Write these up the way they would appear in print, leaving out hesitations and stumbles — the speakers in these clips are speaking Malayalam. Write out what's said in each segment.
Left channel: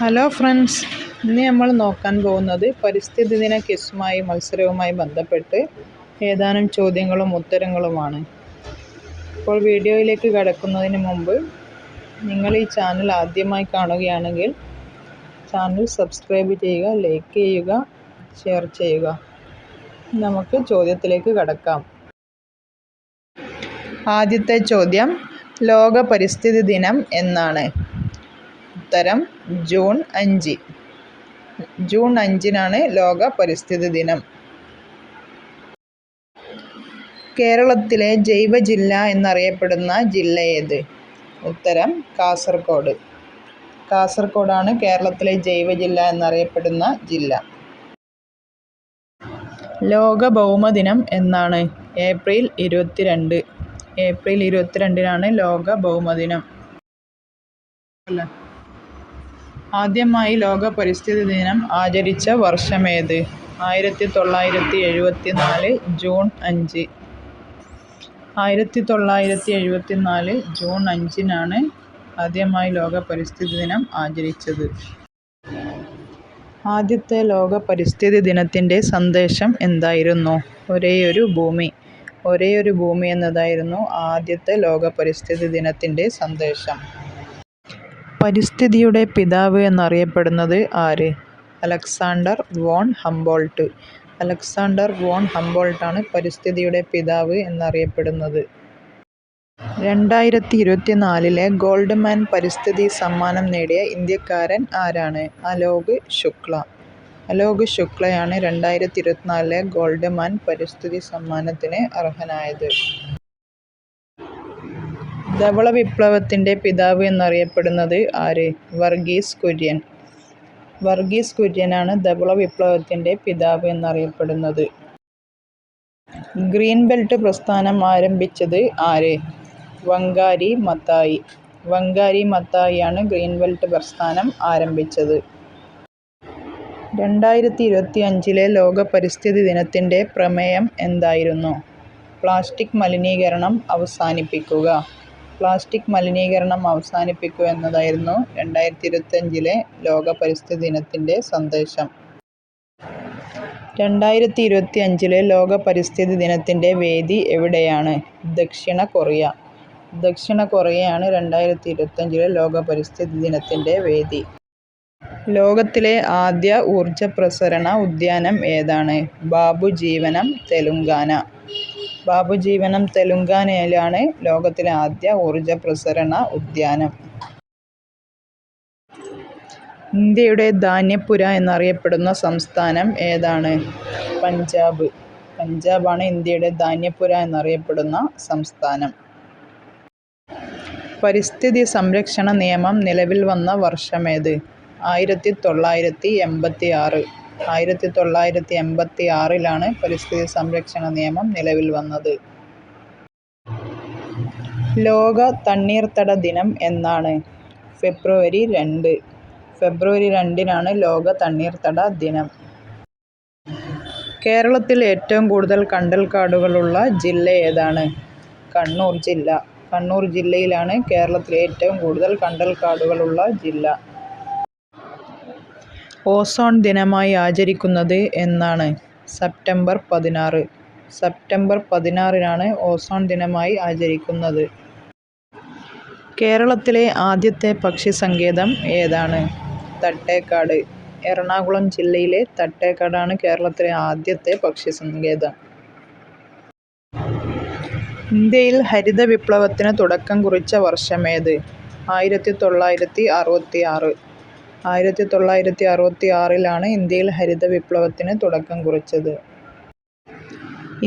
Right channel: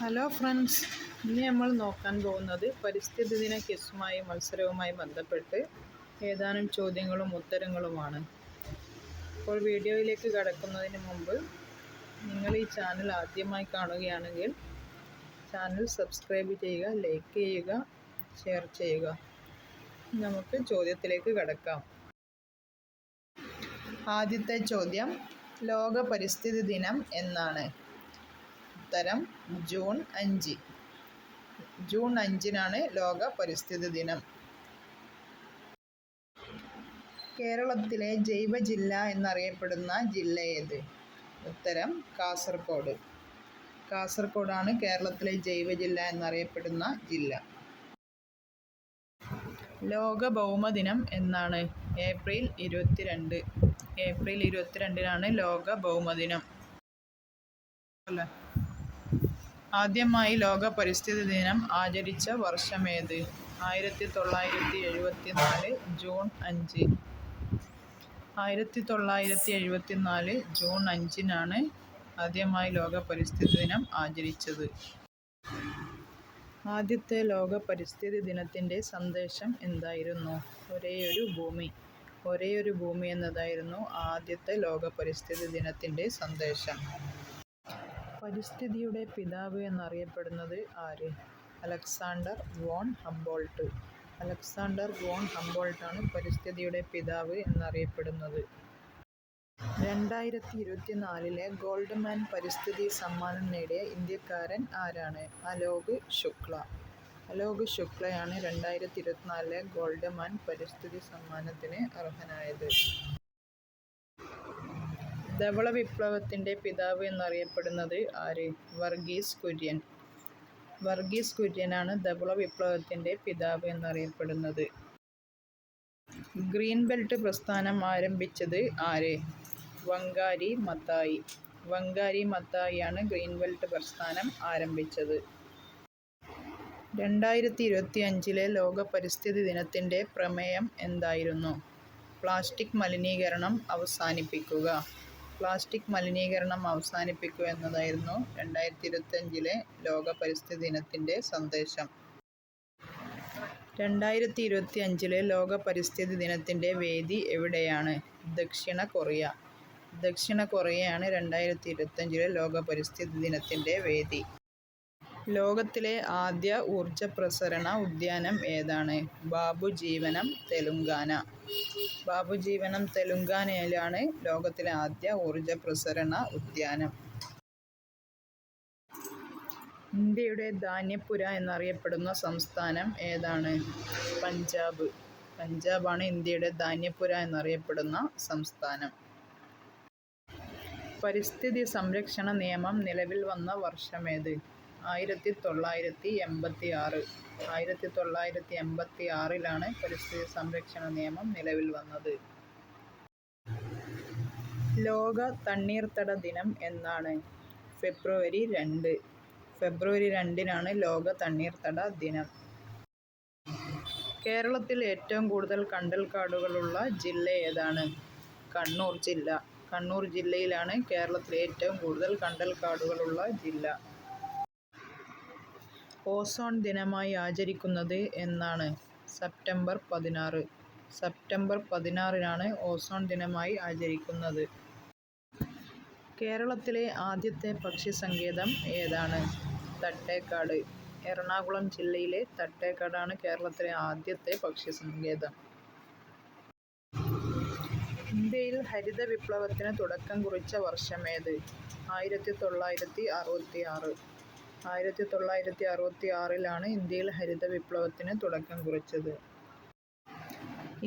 ഹലോ ഫ്രണ്ട്സ്, ഇന്ന് നമ്മൾ നോക്കാൻ പോകുന്നത് പരിസ്ഥിതി ദിന ക്വിസുമായി മത്സരവുമായി ബന്ധപ്പെട്ട് ഏതാനും ചോദ്യങ്ങളും ഉത്തരങ്ങളുമാണ്. ഇപ്പോൾ വീഡിയോയിലേക്ക് കടക്കുന്നതിന് മുമ്പ് നിങ്ങൾ ഈ ചാനൽ ആദ്യമായി കാണുകയാണെങ്കിൽ ചാനൽ സബ്സ്ക്രൈബ് ചെയ്യുക, ലൈക്ക് ചെയ്യുക, ഷെയർ ചെയ്യുക. നമുക്ക് ചോദ്യത്തിലേക്ക് കടക്കാം. ആദ്യത്തെ ചോദ്യം, ലോക പരിസ്ഥിതി ദിനം എന്നാണ്? ഉത്തരം ജൂൺ 5. ജൂൺ 5-നാണ് ലോക പരിസ്ഥിതി ദിനം. കേരളത്തിലെ ജൈവ ജില്ല എന്നറിയപ്പെടുന്ന ജില്ല ഏത്? ഉത്തരം കാസർഗോഡ്. കാസർഗോഡാണ് കേരളത്തിലെ ജൈവ ജില്ല എന്നറിയപ്പെടുന്ന ജില്ല. ലോക ഭൗമദിനം എന്നാണ്? ഏപ്രിൽ 22. ഏപ്രിൽ 22-നാണ് ലോക ഭൗമദിനം. ആദ്യമായി ലോക പരിസ്ഥിതി ദിനം ആചരിച്ച വർഷമേത്? 1974 ജൂൺ 5. 1974 ജൂൺ 5-നാണ് ആദ്യമായി ലോക പരിസ്ഥിതി ദിനം ആചരിച്ചത്. ആദ്യത്തെ ലോക പരിസ്ഥിതി ദിനത്തിൻ്റെ സന്ദേശം എന്തായിരുന്നു? ഒരേയൊരു ഭൂമി. ഒരേയൊരു ഭൂമി എന്നതായിരുന്നു ആദ്യത്തെ ലോക പരിസ്ഥിതി ദിനത്തിൻ്റെ സന്ദേശം. പരിസ്ഥിതിയുടെ പിതാവ് എന്നറിയപ്പെടുന്നത് ആര്? Alexander von Humboldt. Alexander von ഹംബോൾട്ടാണ് പരിസ്ഥിതിയുടെ പിതാവ് എന്നറിയപ്പെടുന്നത്. 2024 ഗോൾഡ്മാൻ പരിസ്ഥിതി സമ്മാനം നേടിയ ഇന്ത്യക്കാരൻ ആരാണ്? അലോക് ശുക്ല. അലോക് ശുക്ലയാണ് 2024 ഗോൾഡ്മാൻ പരിസ്ഥിതി സമ്മാനത്തിന് അർഹനായത്. ധവള വിപ്ലവത്തിൻ്റെ പിതാവ് എന്നറിയപ്പെടുന്നത് ആര്? വർഗീസ് കുര്യൻ. വർഗീസ് കുര്യനാണ് ധവള വിപ്ലവത്തിൻ്റെ പിതാവ് എന്നറിയപ്പെടുന്നത്. ഗ്രീൻ ബെൽറ്റ് പ്രസ്ഥാനം ആരംഭിച്ചത് ആര്? Wangari Maathai. വങ്കാരി മത്തായിയാണ് ഗ്രീൻ ബെൽറ്റ് പ്രസ്ഥാനം ആരംഭിച്ചത്. 2025 ലോക പരിസ്ഥിതി ദിനത്തിൻ്റെ പ്രമേയം എന്തായിരുന്നു? പ്ലാസ്റ്റിക് മലിനീകരണം അവസാനിപ്പിക്കുക. പ്ലാസ്റ്റിക് മലിനീകരണം അവസാനിപ്പിക്കുക എന്നതായിരുന്നു 2025 ലോക പരിസ്ഥിതി ദിനത്തിൻ്റെ സന്ദേശം. 2025 ലോക പരിസ്ഥിതി ദിനത്തിൻ്റെ വേദി എവിടെയാണ്? ദക്ഷിണ കൊറിയ. ദക്ഷിണ കൊറിയയാണ് 2025 ലോക പരിസ്ഥിതി ദിനത്തിൻ്റെ വേദി. ലോകത്തിലെ ആദ്യ ഊർജ പ്രസരണ ഉദ്യാനം ഏതാണ്? ബാബു ജീവനം, തെലുങ്കാന. ബാബു ജീവനം തെലുങ്കാനയിലാണ് ലോകത്തിലെ ആദ്യ ഊർജ പ്രസരണ ഉദ്യാനം. ഇന്ത്യയുടെ ധാന്യപ്പുര എന്നറിയപ്പെടുന്ന സംസ്ഥാനം ഏതാണ്? പഞ്ചാബ്. പഞ്ചാബാണ് ഇന്ത്യയുടെ ധാന്യപ്പുര എന്നറിയപ്പെടുന്ന സംസ്ഥാനം. പരിസ്ഥിതി സംരക്ഷണ നിയമം നിലവിൽ വന്ന വർഷമേത്? 1986. 1986-ലാണ് പരിസ്ഥിതി സംരക്ഷണ നിയമം നിലവിൽ വന്നത്. ലോക തണ്ണീർത്തട ദിനം എന്നാണ്? ഫെബ്രുവരി 2. ഫെബ്രുവരി 2-നാണ് ലോക തണ്ണീർത്തട ദിനം. കേരളത്തിൽ ഏറ്റവും കൂടുതൽ കണ്ടൽക്കാടുകളുള്ള ജില്ല ഏതാണ്? കണ്ണൂർ ജില്ല. കണ്ണൂർ ജില്ലയിലാണ് കേരളത്തിലെ ഏറ്റവും കൂടുതൽ കണ്ടൽക്കാടുകളുള്ള ജില്ല. ഓസോൺ ദിനമായി ആചരിക്കുന്നത് എന്നാണ്? സെപ്റ്റംബർ 16. സെപ്റ്റംബർ 16-നാണ് ഓസോൺ ദിനമായി ആചരിക്കുന്നത്. കേരളത്തിലെ ആദ്യത്തെ പക്ഷി സങ്കേതം ഏതാണ്? തട്ടേക്കാട്. എറണാകുളം ജില്ലയിലെ തട്ടേക്കാടാണ് കേരളത്തിലെ ആദ്യത്തെ പക്ഷി സങ്കേതം. ഇന്ത്യയിൽ ഹരിത വിപ്ലവത്തിന് തുടക്കം കുറിച്ച വർഷമേത്? 1966. 1966-ലാണ് ഇന്ത്യയിൽ ഹരിത വിപ്ലവത്തിന് തുടക്കം കുറിച്ചത്.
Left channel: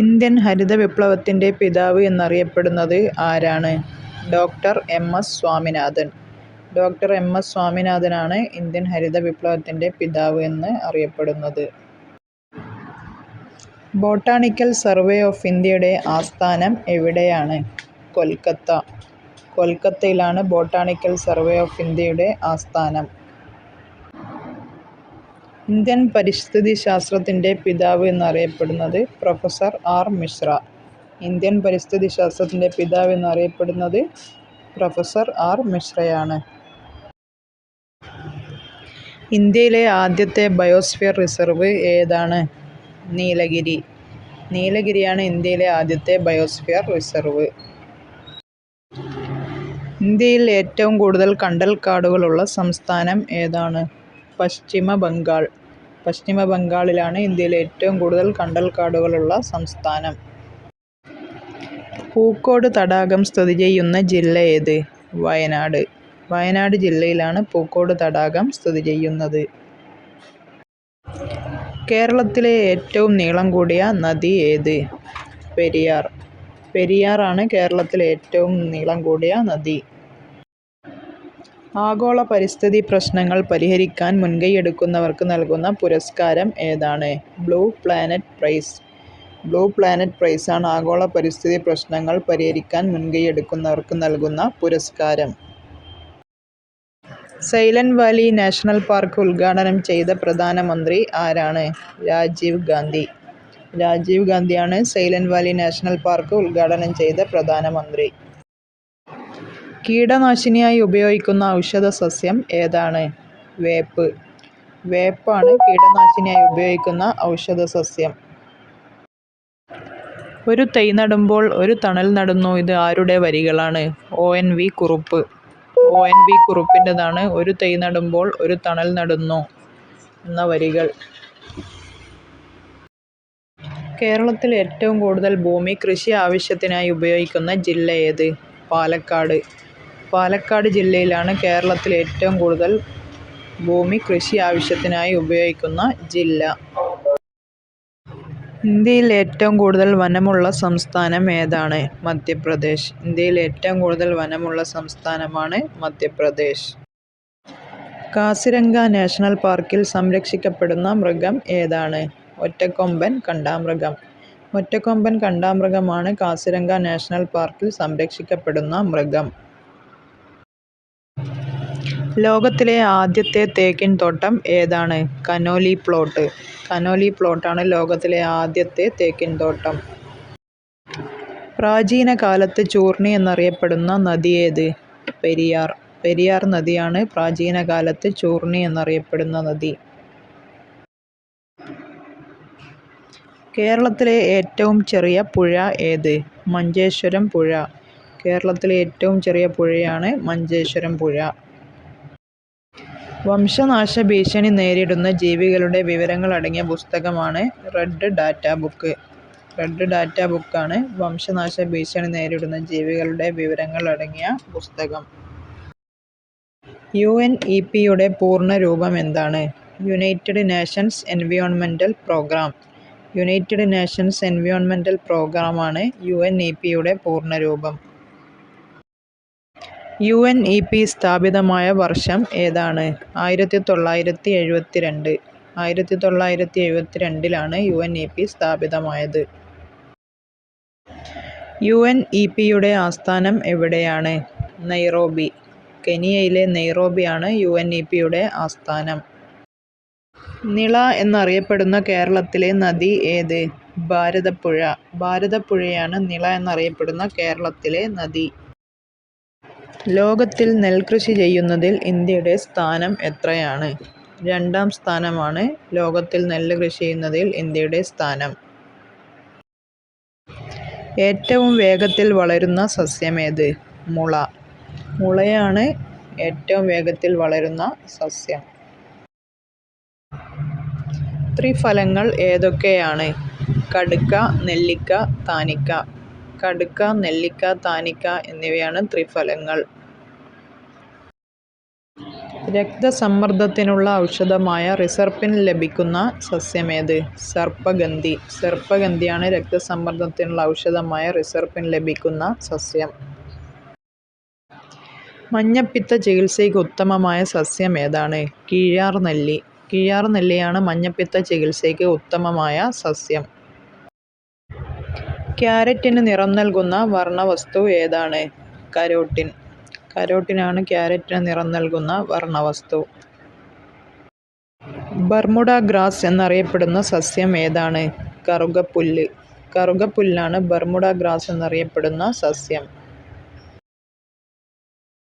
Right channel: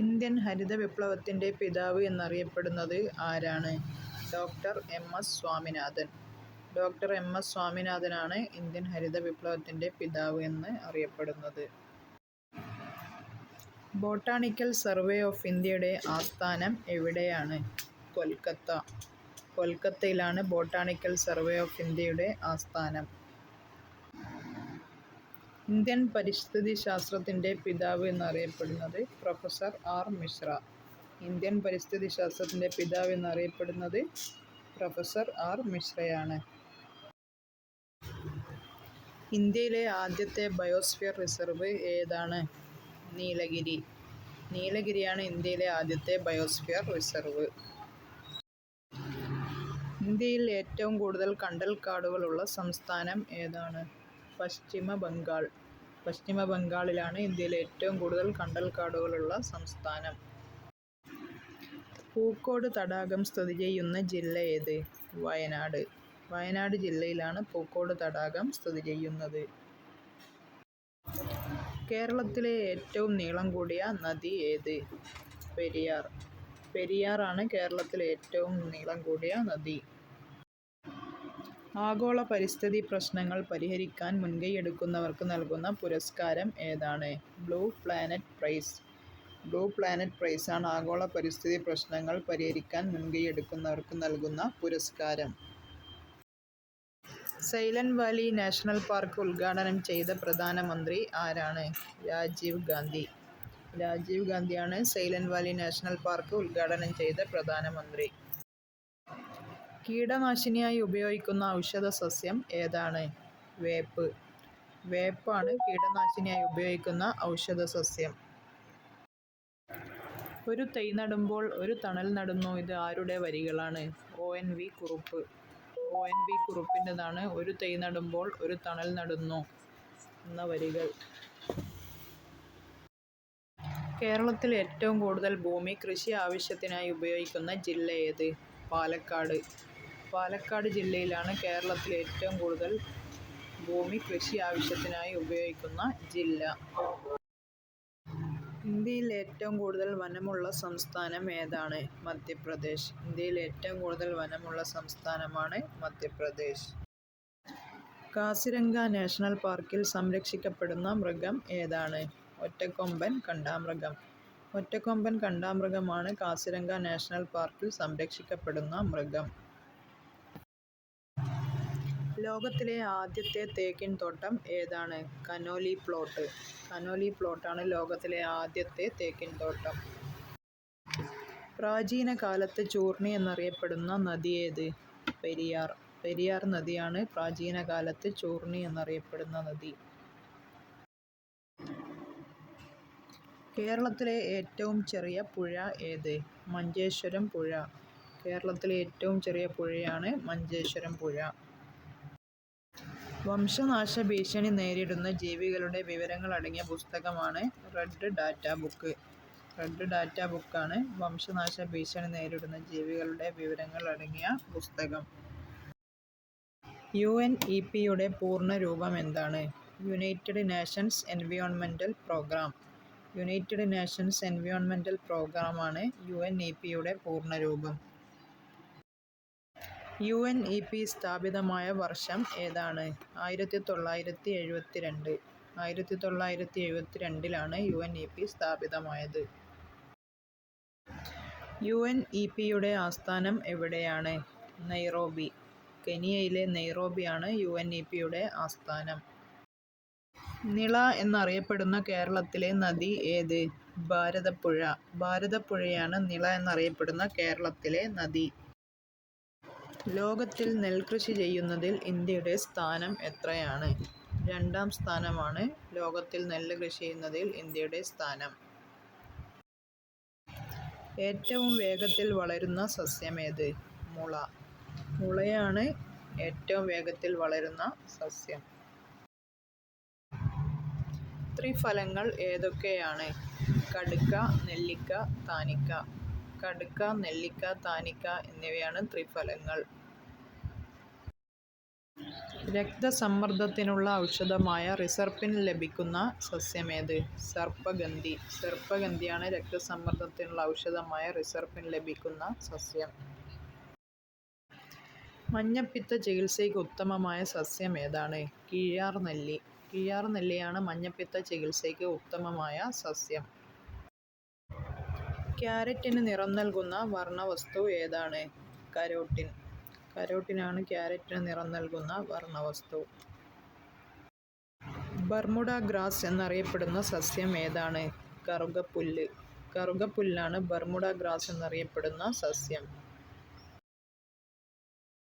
ഇന്ത്യൻ ഹരിത വിപ്ലവത്തിൻ്റെ പിതാവ് എന്നറിയപ്പെടുന്നത് ആരാണ്? ഡോക്ടർ എം.എസ്. സ്വാമിനാഥൻ. ഡോക്ടർ എം.എസ്. സ്വാമിനാഥനാണ് ഇന്ത്യൻ ഹരിത വിപ്ലവത്തിൻ്റെ പിതാവ് എന്ന് അറിയപ്പെടുന്നത്. ബോട്ടാണിക്കൽ സർവേ ഓഫ് ഇന്ത്യയുടെ ആസ്ഥാനം എവിടെയാണ്? കൊൽക്കത്ത. കൊൽക്കത്തയിലാണ് ബോട്ടാണിക്കൽ സർവേ ഓഫ് ഇന്ത്യയുടെ ആസ്ഥാനം. ഇന്ത്യൻ പരിസ്ഥിതി ശാസ്ത്രത്തിൻ്റെ പിതാവ് എന്നറിയപ്പെടുന്നത് പ്രൊഫസർ ആർ മിശ്ര. ഇന്ത്യൻ പരിസ്ഥിതി ശാസ്ത്രത്തിൻ്റെ പിതാവ് എന്നറിയപ്പെടുന്നത് പ്രൊഫസർ ആർ മിശ്രയാണ്. ഇന്ത്യയിലെ ആദ്യത്തെ ബയോസ്ഫിയർ റിസർവ് ഏതാണ്? നീലഗിരി. നീലഗിരിയാണ് ഇന്ത്യയിലെ ആദ്യത്തെ ബയോസ്ഫിയർ റിസർവ്. ഇന്ത്യയിൽ ഏറ്റവും കൂടുതൽ കണ്ടൽക്കാടുകളുള്ള സംസ്ഥാനം ഏതാണ്? പശ്ചിമ ബംഗാൾ. പശ്ചിമ ബംഗാളിലാണ് ഇന്ത്യയിലെ ഏറ്റവും കൂടുതൽ കണ്ടൽക്കാടുകളുള്ള സംസ്ഥാനം. പൂക്കോട് തടാകം സ്ഥിതി ചെയ്യുന്ന ജില്ല ഏത്? വയനാട്. വയനാട് ജില്ലയിലാണ് പൂക്കോട് തടാകം സ്ഥിതി ചെയ്യുന്നത്. കേരളത്തിലെ ഏറ്റവും നീളം കൂടിയ നദി ഏത്? പെരിയാർ. പെരിയാറാണ് കേരളത്തിലെ ഏറ്റവും നീളം കൂടിയ നദി. ആഗോള പരിസ്ഥിതി പ്രശ്നങ്ങൾ പരിഹരിക്കാൻ മുൻകൈയെടുക്കുന്നവർക്ക് നൽകുന്ന പുരസ്കാരം ഏതാണ്? Blue planet prize. Blue planet പ്രൈസാണ് ആഗോള പരിസ്ഥിതി പ്രശ്നങ്ങൾ പരിഹരിക്കാൻ മുൻകൈയെടുക്കുന്നവർക്ക് നൽകുന്ന പുരസ്കാരം. സൈലന്റ് വാലി നാഷണൽ പാർക്ക് ഉദ്ഘാടനം ചെയ്ത പ്രധാനമന്ത്രി ആരാണ്? രാജീവ് ഗാന്ധി. രാജീവ് ഗാന്ധിയാണ് സൈലന്റ് വാലി നാഷണൽ പാർക്ക് ഉദ്ഘാടനം ചെയ്ത പ്രധാനമന്ത്രി. കീടനാശിനിയായി ഉപയോഗിക്കുന്ന ഔഷധ സസ്യം ഏതാണ്? വേപ്പ്. വേപ്പാണ് കീടനാശിനിയായി ഉപയോഗിക്കുന്ന ഔഷധ സസ്യം. ഒരു തൈ നടുമ്പോൾ ഒരു തണൽ നടുന്നു. ഇത് ആരുടെ വരികളാണ്? ONV കുറുപ്പ്. ONV കുറുപ്പിൻ്റെതാണ് ഒരു തൈ നടുമ്പോൾ ഒരു തണൽ നടുന്നു എന്ന വരികൾ. കേരളത്തിൽ ഏറ്റവും കൂടുതൽ ഭൂമി കൃഷി ആവശ്യത്തിനായി ഉപയോഗിക്കുന്ന ജില്ല ഏത്? പാലക്കാട്. പാലക്കാട് ജില്ലയിലാണ് കേരളത്തിൽ ഏറ്റവും കൂടുതൽ ഭൂമി കൃഷി ആവശ്യത്തിനായി ഉപയോഗിക്കുന്ന ജില്ല. ഇന്ത്യയിൽ ഏറ്റവും കൂടുതൽ വനമുള്ള സംസ്ഥാനം ഏതാണ്? മധ്യപ്രദേശ്. ഇന്ത്യയിൽ ഏറ്റവും കൂടുതൽ വനമുള്ള സംസ്ഥാനമാണ് മധ്യപ്രദേശ്. കാസിരംഗ നാഷണൽ പാർക്കിൽ സംരക്ഷിക്കപ്പെടുന്ന മൃഗം ഏതാണ്? ഒറ്റക്കൊമ്പൻ കണ്ടാമൃഗം. ഒറ്റക്കൊമ്പൻ കണ്ടാമൃഗമാണ് കാസിരംഗ നാഷണൽ പാർക്കിൽ സംരക്ഷിക്കപ്പെടുന്ന മൃഗം. ലോകത്തിലെ ആദ്യത്തെ തേക്കിൻ തോട്ടം ഏതാണ്? Conolly plot. കനോലി പ്ലോട്ടാണ് ലോകത്തിലെ ആദ്യത്തെ തേക്കിൻ തോട്ടം. പ്രാചീന കാലത്ത് ചൂർണി എന്നറിയപ്പെടുന്ന നദി ഏത്? പെരിയാർ. പെരിയാർ നദിയാണ് പ്രാചീന കാലത്ത് ചൂർണി എന്നറിയപ്പെടുന്ന നദി. കേരളത്തിലെ ഏറ്റവും ചെറിയ പുഴ ഏത്? മഞ്ചേശ്വരം പുഴ. കേരളത്തിലെ ഏറ്റവും ചെറിയ പുഴയാണ് മഞ്ചേശ്വരം പുഴ. വംശനാശ ഭീഷണി നേരിടുന്ന ജീവികളുടെ വിവരങ്ങൾ അടങ്ങിയ പുസ്തകമാണ് red data book. Red data ബുക്കാണ് വംശനാശ ഭീഷണി നേരിടുന്ന ജീവികളുടെ വിവരങ്ങൾ അടങ്ങിയ പുസ്തകം. UNEPയുടെ പൂർണ്ണ രൂപം എന്താണ്? United Nations എൻവയോൺമെൻ്റൽ programme. United Nations എൻവയോൺമെൻ്റൽ പ്രോഗ്രാമാണ് UNEPയുടെ പൂർണ്ണ രൂപം. UNEP സ്ഥാപിതമായ വർഷം ഏതാണ്? 1972. 1972 UNEP സ്ഥാപിതമായത്. UNEPയുടെ ആസ്ഥാനം എവിടെയാണ്? നൈറോബി. കെനിയയിലെ നൈറോബിയാണ് UNEPയുടെ ആസ്ഥാനം. നിള എന്നറിയപ്പെടുന്ന കേരളത്തിലെ നദി ഏത്? ഭാരതപ്പുഴ. ഭാരതപ്പുഴയാണ് നിള എന്നറിയപ്പെടുന്ന കേരളത്തിലെ നദി. ലോകത്തിൽ നെൽകൃഷി ചെയ്യുന്നതിൽ ഇന്ത്യയുടെ സ്ഥാനം എത്രയാണ്? 2ാം സ്ഥാനമാണ് ലോകത്തിൽ നെല്ല് കൃഷി ചെയ്യുന്നതിൽ ഇന്ത്യയുടെ സ്ഥാനം. ഏറ്റവും വേഗത്തിൽ വളരുന്ന സസ്യമേത്? മുള. മുളയാണ് ഏറ്റവും വേഗത്തിൽ വളരുന്ന സസ്യം. ത്രിഫലങ്ങൾ ഏതൊക്കെയാണ്? കടുക്ക, നെല്ലിക്ക, താനിക്ക. കടുക്ക, നെല്ലിക്ക, താനിക്ക എന്നിവയാണ് ത്രിഫലങ്ങൾ. രക്തസമ്മർദ്ദത്തിനുള്ള ഔഷധമായ റിസർപ്പിൻ ലഭിക്കുന്ന സസ്യമേത്? സർപ്പഗന്ധി. സർപ്പഗന്ധിയാണ് രക്തസമ്മർദ്ദത്തിനുള്ള ഔഷധമായ റിസർപ്പിൻ ലഭിക്കുന്ന സസ്യം. മഞ്ഞപ്പിത്ത ചികിത്സയ്ക്ക് ഉത്തമമായ സസ്യം ഏതാണ്? കീഴാർനെല്ലി. കീഴാർനെല്ലിയാണ് മഞ്ഞപ്പിത്ത ചികിത്സയ്ക്ക് ഉത്തമമായ സസ്യം. ക്യാരറ്റിന് നിറം നൽകുന്ന വർണ്ണവസ്തു ഏതാണ്? കരോട്ടിൻ. കരോട്ടിനാണ് ക്യാരറ്റിന് നിറം നൽകുന്ന വർണ്ണവസ്തു. ബർമുഡ ഗ്രാസ് എന്നറിയപ്പെടുന്ന സസ്യം ഏതാണ്? കറുകപ്പുല്ല്. കറുകപ്പുല്ലാണ് ബർമുഡ ഗ്രാസ് എന്നറിയപ്പെടുന്ന സസ്യം.